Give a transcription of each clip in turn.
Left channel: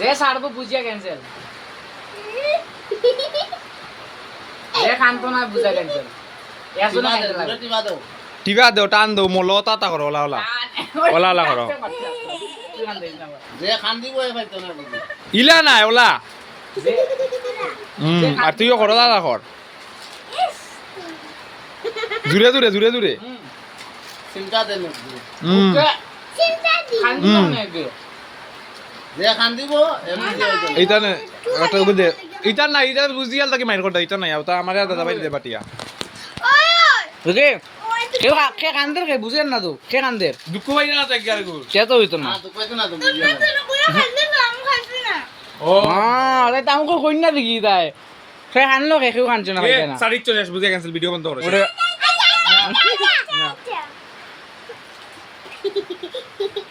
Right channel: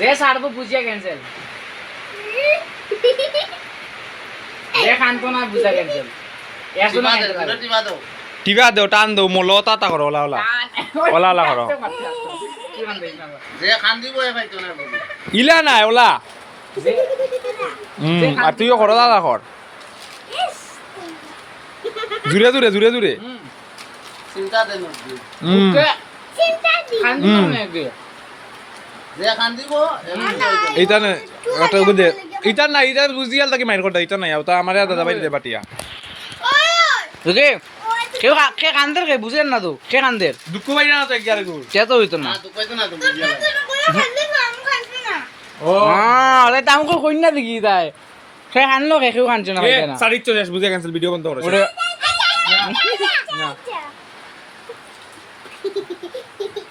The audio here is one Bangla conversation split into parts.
যে ছাড়বো বুঝিয়া ক্যান্সেল, যে খানতো না বুঝা ক্যান্সেল। টিভা দেও টান দেও মোল তাতা করো ওলা ওলা ওলা ওলা করো যে খান দিব এ ভাই তোনার বলি ইলা নাই ওলা আর তুইও করো দাদা কর জুড়ে জুড়ে জুড়ে জুড়ে চিন্তা দেন যে খান দিব এমনি হইতো এইটা না একটা বুঝে এইটা না এইটা বুঝিয়াল তাকে মাইর করতে এইটা নাই তা আমারে দাদা ভাই দে বাটিয়া ওকে কেউ কে কান্দের কে বুঝেন না তো কে কান্দের দুঃখ ভাই না তো একবার গুল সে তো হইতো না। না তো কইতো না তো বুঝিয়া ও হ্যাঁ তাই তামকো কইনা দেখি তাই সে কানলো কে কেউ কানছে না ভাই না সারিক তো শেষ বুঝে ক্যান্সেল ভিডিও বন্ধ করো ওরে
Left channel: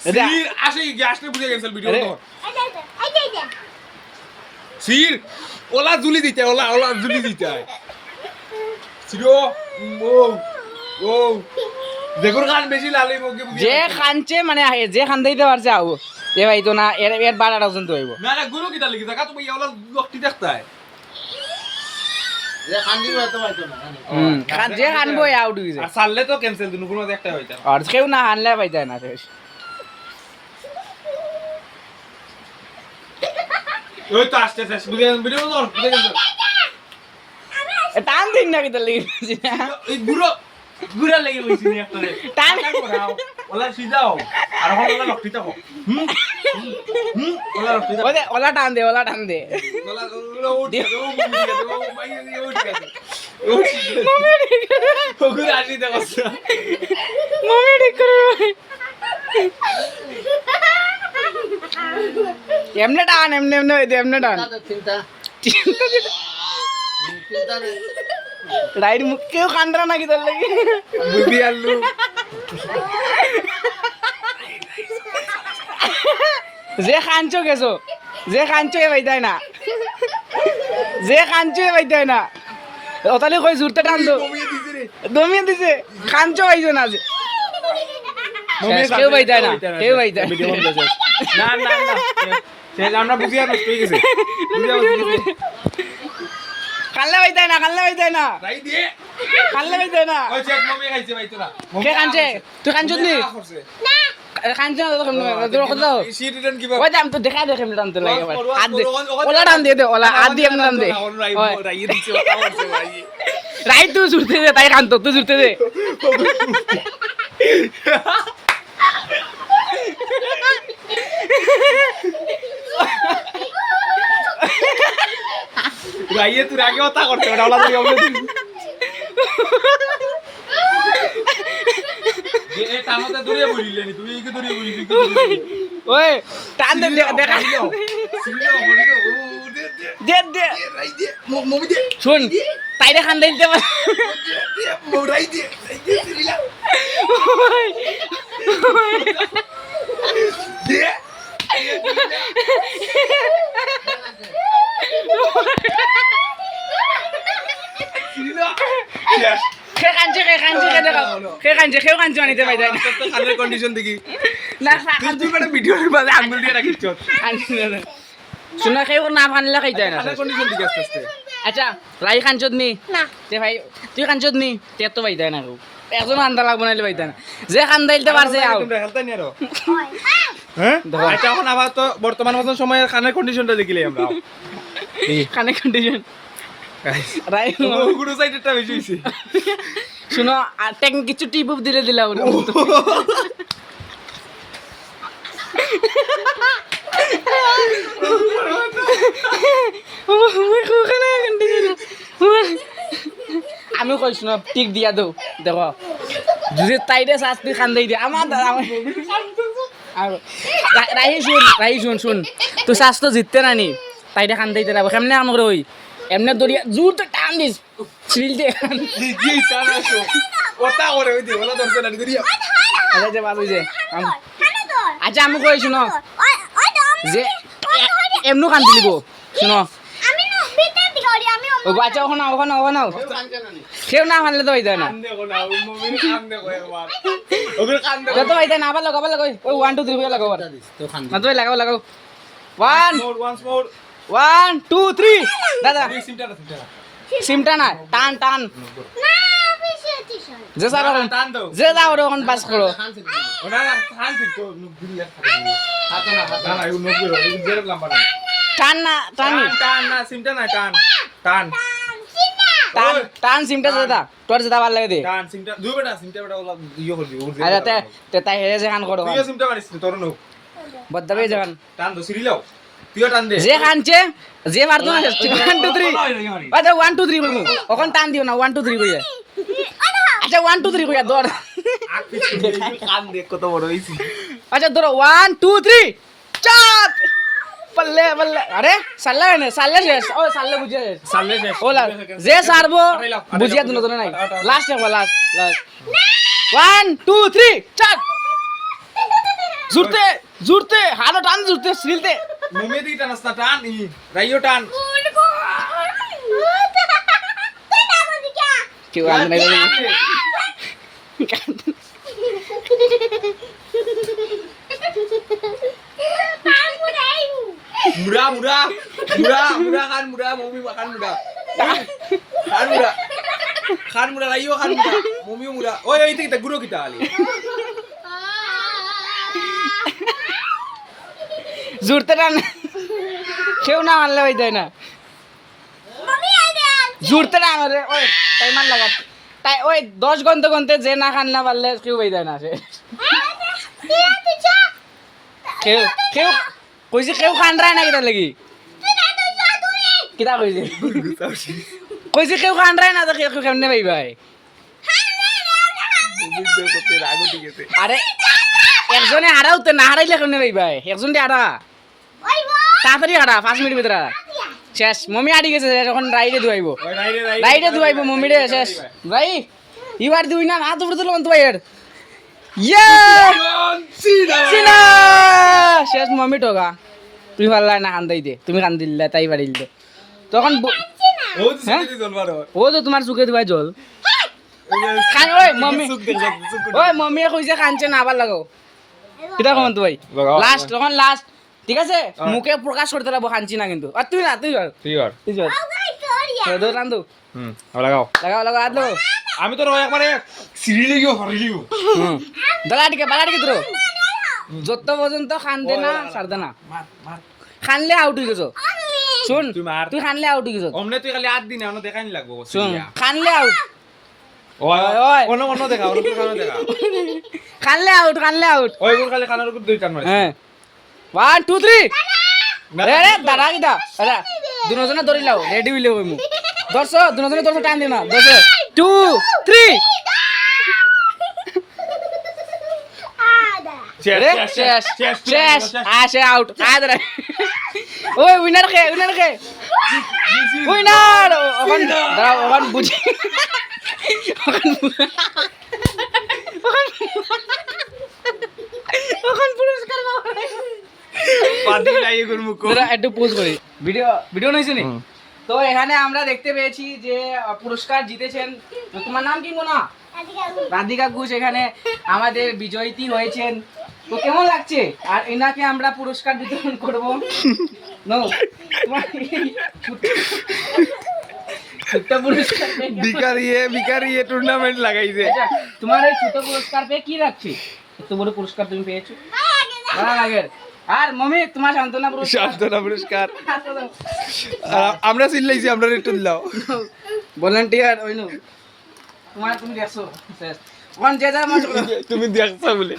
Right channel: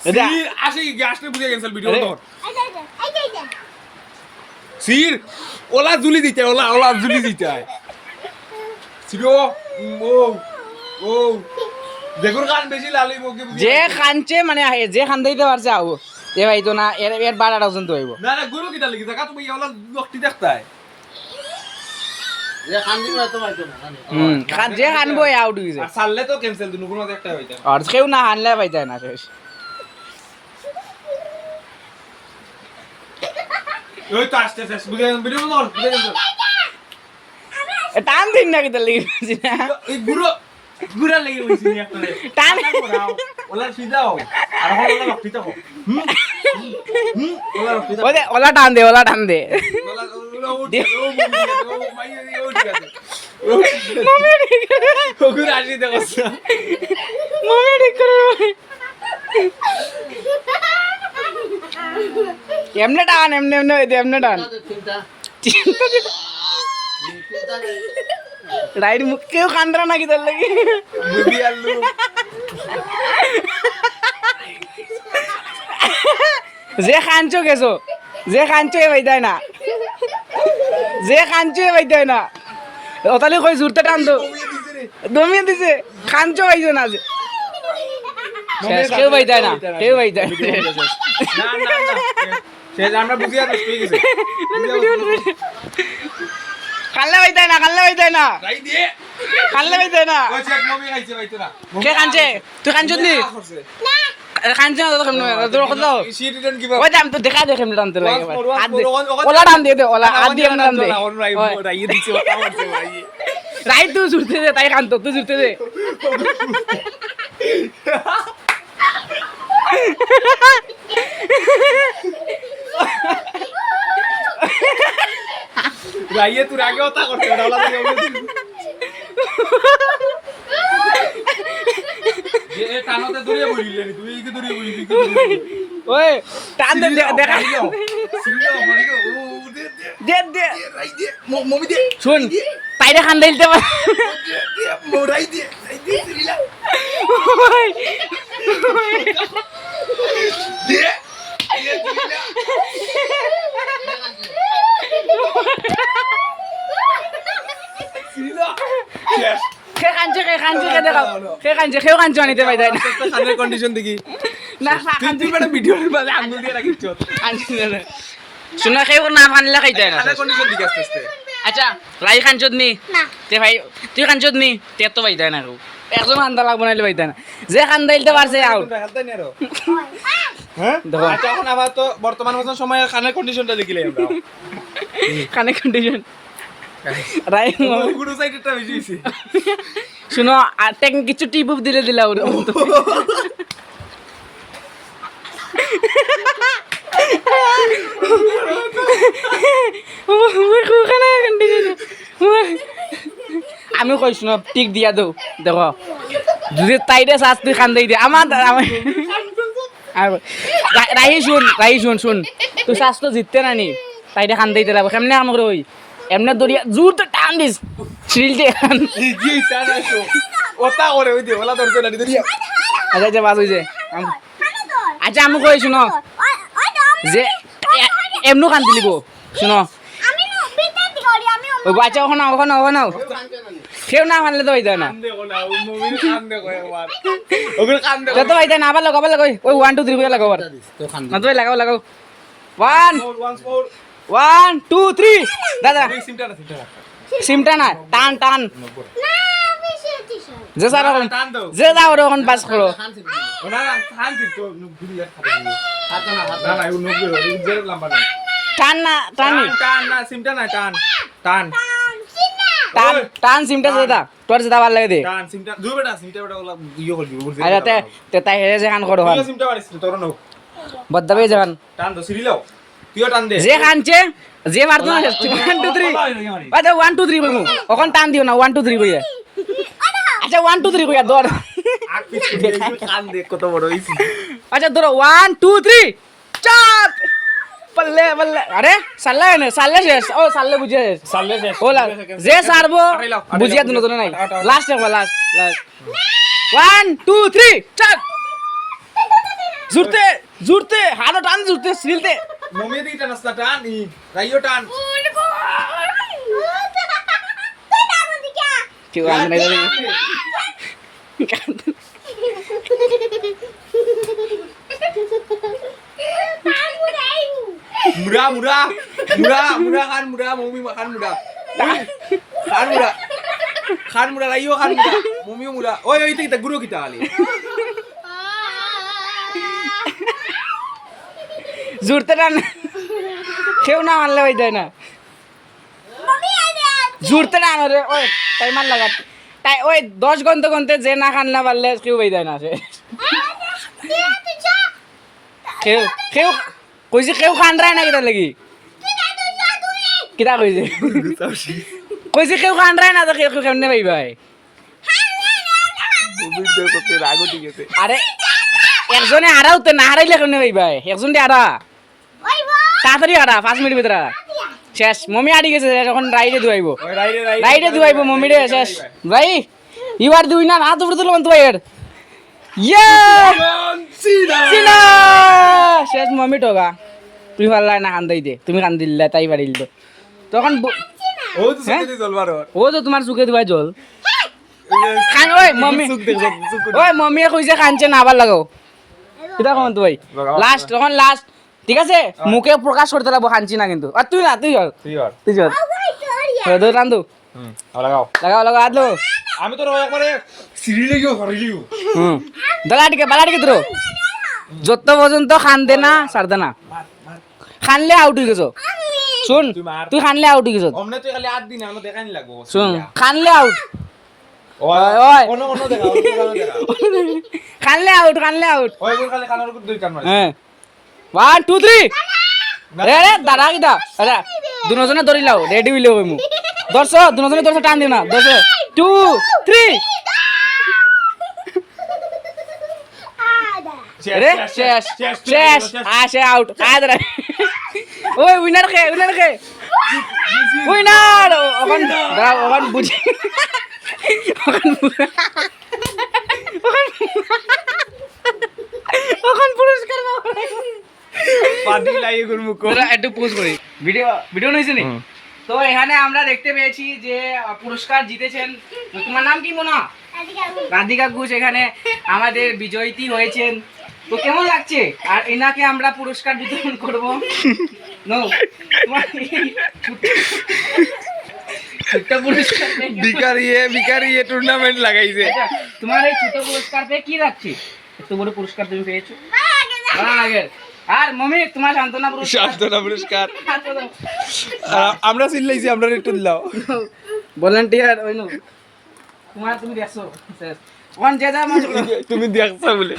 এটা সির আসে কি আসলে বুঝে ক্যান্সেল ভিডিও বন্ধ কর সির ওলা জুলি দিতে ওলা ওলা জুলি দিতে সিরো ও ও দেখুন গান বেশি লালি মুখে বুঝি যে খানছে মানে যে খান দিতে পারছে আও এ ভাই তো না এর এর 12টা পর্যন্ত হইব। না না গুরু কিটা লাগি জায়গা তুমি ওলা লকটি দেখতাই যে খান দিব এত ভাই তো না জানি খান যে খানবো আউট হইছে আর সাললে তো ক্যান্সেল দুনো কোনো একটা হইতা আর কেউ না আনলে পাই যায় না শেষ ওই তো আসতে শেষ বুঝে ভিডিও বন্ধ কর বুঝে ক্যান্সেল টান দিন না কিতা লিখছি না এই গুরু গুরা লাগি হইছি নি একটা টান করাও ওলা সিধাও আর ওলা লকটি থাকো ওলা লকটি থাকো ওলে ওলা টান দে ওলা টান দে ওলা ওলা উঠ ও মুভি ও ভাই উঠ গেছে ও গুরু আসি দেখো মমি ঠিক করে এমনে টান এমনে এমনে এমনে টান তো চিন্তা চিন্তা চিন্তা রাইট মুখ কেউ কান্দরা না কি তোর লাগি বুদ্ধি আলু যে খানছো গেছো যে খানছো এ বাইদাই না যে খানছো এ বাইদাই না ওতালে কই জুরতে টান দো দমিয়ে দিছে খানছো আইছো না যে শেষ কেউ বাইদাই না কেউ বাইদাই না না সে আমরা বুঝি আর ঠিক আছে কাল্লা বাইদাই না কাল্লা বাইদাই না রাই দিয়ে কাল্লা বাইদাই না ও চেক মমি খাইছে ভাই তোরা কে কানছে তুই কানছত নি কানছে না তো কেমনে তোর কথা দাও সি রিটার্ন কিবা ওই দাম তো দেখা দে কেমনে টানতে লাগে ভাই হাত দে ওলা টান দে দে ওলা হাত দিয়ে এমনে টান দে রাই দিছে ওটা করছে ভাই রাইট তুই জুরতে দে তাই কান্ত তুই জুরতে দে রাইয়ে তুই আগে ওটা করতে ওলা তো যে এ টানোতে দূরে বলিলে নি তুই কি দূরে বলিলি ওই টান দে দেখা দে দে রাই দিয়ে মমি দিয়ে শুন তাইরে খান দিতে পার রাই দিয়ে দিলা দিয়ে খে কানছে কে দেখাও খে কানছে আনিতে পাই যায় না কানের কন্ডিশন দেখি না তুই মানে ভিডিওর বাদে আঙ্গুল দিয়ে রাখিস শুনা খেয়ে না ফানলে খাই যায় না কানের কন্ডিশন দেখি আস্তে আস্তে আচ্ছা লাই কানচত নি তে ভাই তুই কানচত নি তে তো পাই যায় না কেউ একজন কান্দা লাগবো নাইলে পাই যায় না যে কান্দাইতে পারছে আউট তোমরা খেলতে নি আরো হ্যাঁ দেখো। আচ্ছা এখন আবার তো বর্তমান সময়ে কানের কন্ডিশনটা দেখিলে আমরা কানে কন্ডিশন রাই গুরু সাইডেরটা বেশি হইছে শুনো আর টেকনিক কিছু টিপ উপ দিলে দিলা ওর আমি কইস না টিক দিয়া দো দেখো যদি তাইরে শাস্তি খান্দাই দে আমার রাহি শুন শুন তুই শাস্তি জিততে না নি তাইরে খান্দাইতে লাগবে কেমনে কাম করে ওই এমনি দরিয়া জোর তো টান দিস ছিলতে কি তারাসো ওটা করে ওই দে ওলা দর্শন আনি দিয়া আচ্ছা আচ্ছা বাস হইছে আচ্ছা আমি কই শুনো যে এমনও কান দিলিব শুনো ও আচ্ছা ওখানে কেউ না মানলে তো হইতে না ওগুলো কান দে যত হইতে না আবার লাগাও ওই 1 2 3 করে লাগাও না তো লাগাও 1 once more 1 2 3 দাদা এই সিমটা না সিমটা না টান টান যে স্যার এখন টান দাও যে দাও এখন পাস করো ওনা টান দিন তো গুলি হাতে না হাতে না না ইউ নব্বই ইউ জের লম্বা না টান না টান টান না সিমটা না টান টান টান টান সিমটা দাদা তোর যেটা ভালো লাগে দে টান সিমটা দুই বেটা সিমটা বেটা ওলা ইয়ে করবি আর তে তে তাই হেরে যে খান করো তুই সিমটা মারিস তোর নো বদ্দাবে যখন টান দো সিরি লাও তুইও টান দে যে খানছে যে মারতো না 1 2 3 আচ্ছা 1 2 3 বলমু ওখান টান দিও না 1 2 3 কইয়া আচ্ছা 1 2 3 কইয়া দৌড় কান দে কত বড় হইছি আচ্ছা ধরো 1 2 3 চাপ পল্লে পল্লে আরে সাল্লা না সাল্লা শেষ ও সাল্লা বুঝিয়া শেষ সালে শেষ ওলা যে সারবো বুঝিয়া দুনো দুনো নাই লাস্ট একবার লাস্ট লাস্ট 1 2 3 চাপ জুরতে জুরতে হাড় টান জুরতে সিলতে মমে দি টান না টান ই রাইও টান কেউ আনতে নাই দাদি মুড়া মুড়া মুড়া মুড়া খান মুড়া মমি খান মুড়া খান মুড়া খান মুড়া রাইও খান মুড়া মমিও মুড়া ওই এই থেকে গুরু কিটা খালি জুরতে টান কেউ না মারলে হয়ে যায় না জুরতে টান রে ওই টাইমার লাগা তাই ওই 10 ঘন্টা ঘন্টা যে না খান না পারলে কেউ হয়ে যায় না সে কেউ কেউ কইছে কেউ খান রায় না কিটা লাগি কিটা কইছে কইছে কেউ খান রায় না তো কেউ কেমনে ভাই ভাই আরে একজনে হারাও তো না হারাইলে কেমনে ভাই ভাই একজন দিয়ে হারা তাড়াতাড়ি হারা 5 মিনিট ভিতরে হারা শেষ মমি আড়ি গেছে এখন রাইডে ধুয়াইবো ওই রাইরে রাইডে ধুয়াইবো মমি রে শেষ ভাই ইবার দুই না হাত উপরে তুলো তো ভাইয়ের ইয়ে চিনা শেষ মমি টোকা তুমি পারলা না কান দে তুমি কান দিল্লা তাই পারিল তো তখন ও তো সুকে জলবার ও তো তোমার চুকে ধুয়াই জল খান ওই মমি ওই মমিয়ে কইছে খানছে না আবার লাগাও কিটা কম তো ভাই লাগাও। লাস্ট তখন লাস্ট ঠিক আছে মুখে প্রকাশ করতে লাগবো খানছি না কিন্তু আর তুই না তুই কর তুই আর তুই কর দো রান্দু লাগাও লাগাও লাগাও আদলো আমি তো একবারে সিঁড়ি লেগেও হরিলিও দালাটিকে বালাটিকে ধরো যত পর্যন্ত খান দে না ছাড় দে না খানলে আউট হয়ে গেছো শুন তুই মার। তুই খানলে আউট হয়ে গেছো অমনে তুই খালি 8 দিন এখনো দেখাই লাগবো শুন খানলে আউট ওই ওই। অন্য অন্য দেখা অন্য দেখা খানলে আউট খানলে আউট ওই কোন খালি খানার উপর দুই টান মারে হ্যাঁ 1 2 3 রে দাঁড়া কিটা আচ্ছা দুজনে ধরি লাও রেডি হইলে হই মু দর্শো দুজনে দর্শো টান দিনা দর্শো 2 3 রে শেষ শেষ আসে আউট আদরা ওই উইনার খে উইনার ওখান দাও ওখান বুঝি ওখান পুরস্কার পাদি লাগিয়ে করমু কো তোরা একটু পোজ করি ভিডিও ভিডিও নইছে নি তো এখানে আমরা দেখতে পেয়েছি যে পুরস্কার জিতেছেন তো তোমার নাম কি মোনা রাধিকা ঘোষ এখানে আমাদের বিজয়ী হয়েছেন তো কেমন লাগছে আর এনাকে আমরা পুরস্কার বিতরণ করব নো তোমার ছোট্ট পুরস্কার ভিকারিয়ে টুর্নামেন্ট লাগাইছে আচ্ছা, তোমার এই ছোট পুরস্কার পেয়ে কি লাগছে এত বড় পুরস্কার তুমি পেয়েছো ভালো লাগে আর মমি তোমার সান্তনা পুরস্কার সান্তনা পুরস্কার আমরা চিল্লাইছি আমরা একটু দিলাও ভলেন্টিয়ার ওই নো তোমার তুমি দেখছো শেষ ওখান যে যায় তুমি দেখছো বলে